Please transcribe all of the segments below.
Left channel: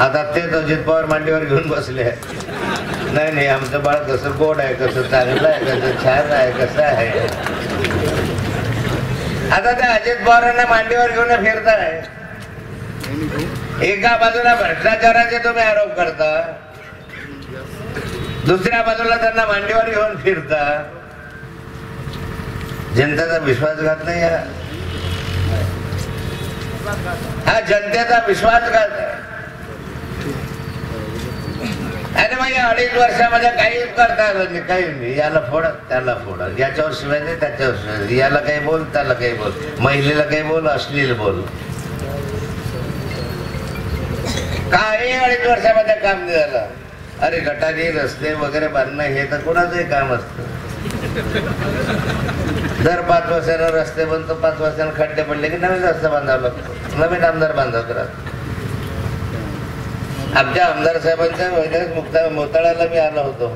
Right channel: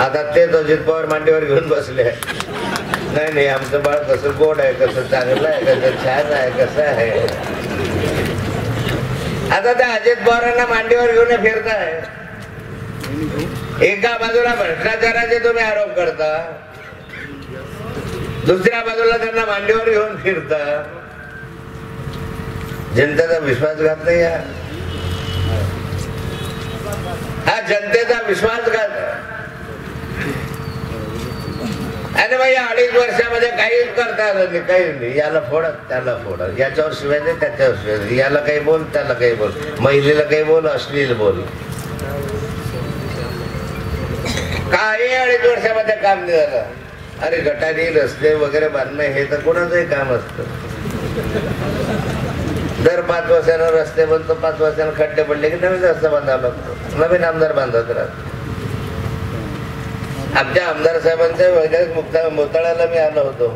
आता तेच अजित पवार मांडीवर घेऊन बसले. नाही नाही, आमचं बाळ कसं गोड आहे, कसं चांगलं आहे, कसं छान आहे, कसं आहे. आता त्या अजित पवारांना मांडीवर घेऊन फिरताय. एका बाजूला भ्रष्टाचाराचे तुम्ही आरोप करता, दुसऱ्या बाजूला त्यांना मांडीवर घेऊन फिरता. जनतेचा विश्वासघात नाही हा जनतेचा विश्वासघात आहे. आणि मग या 2.5 वर्षामध्ये काहीच करता आलं नाही, काही नाही. याला फोडत त्याला फोडत, याच्यावर शिवाय दे त्याच्यावर शिवाय, याला काही बोल त्याला काही बोल, महिलेला काही बोल, अश्लील बोल. काही 2.5 वर्षामध्ये काम नाही झालं. अरे गटारी रस्ते वगैरे बांधणं हे तर कोणाचंही काम असतं. दर 5 वर्षाला रस्ते बनतो, 5 वर्षाला खड्डे पडले की नवीन रस्ता बांधावा लागतो, नवीन आमदार बांधत राहतो. आमच्या आमदार साहेबांच्या मोताळ्याला मी आलो होतो.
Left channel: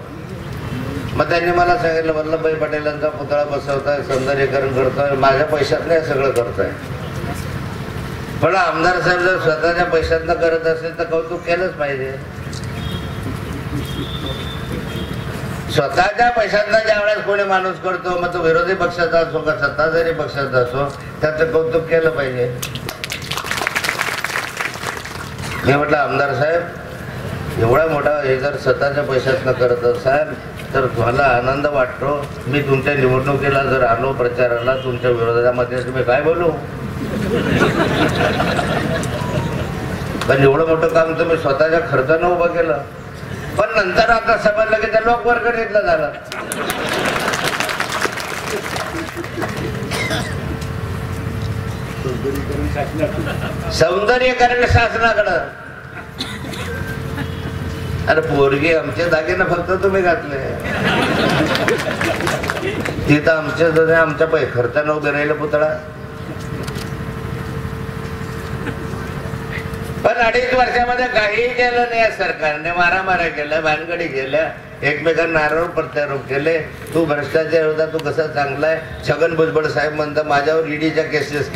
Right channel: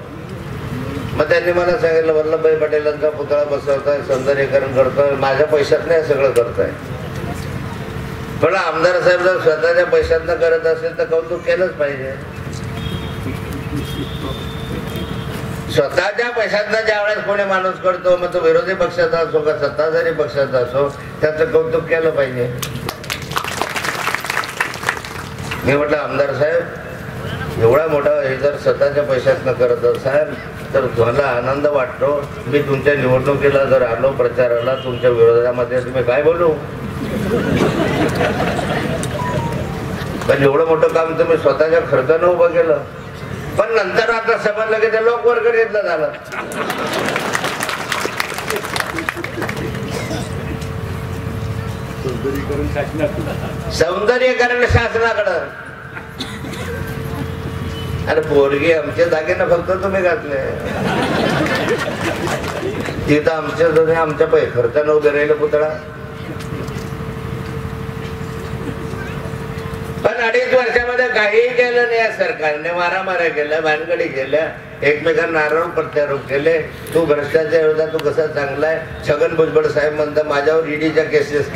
मग त्यांनी मला सांगितलं, वल्लभभाई पटेलांचा पुतळा बसवताय, सौंदर्यीकरण करतोय, माझ्या पैशात नाही सगळं करताय. पण आमदार साहेब जर स्वतःच्या पैशातनं करत असेल तर कौतुक केलंच पाहिजे. स्वतःच्या पैशातनं ज्यावेळेस कोणी माणूस करतो, मग तो विरोधी पक्षाचा असो का सत्ताधारी पक्षाचा असो, त्याचं कौतुक केलं पाहिजे. मी म्हटलं, आमदार साहेब एवढा मोठा हे जर स्वतःच्या पैशातनं करत असाल तर तुम्हाला आनंद वाटतो. मी तुमच्या निवडणुकीला जर आलो प्रचाराला, तुमच्या विरोधामध्ये तुम्ही काय बोलू. पण एवढं मोठं काम तुम्ही स्वतःच्या खर्चानं उभं केलं. पण नंतर आता समजलं की त्या लोकवर्गणीतलं झालं. सौंदर्यीकरण शासनाकडं. अरे पोरगी आमच्या जागेनं फक्त तुम्ही घातले, तिथं आमच्या खर्चानं उभे राहिलं पुतळा. पण 2.5 वर्षामध्ये काही केलं नाही या सरकारने. मारामाऱ्या केल्या, भानगडी केल्या, एकमेकांना आरोप प्रत्यारोप केले. तू भ्रष्टाचार होता, तू कसा चांगला आहे. छगन भुजबळ साहेब म्हणतात माझ्यावर ईडीच्या केसेस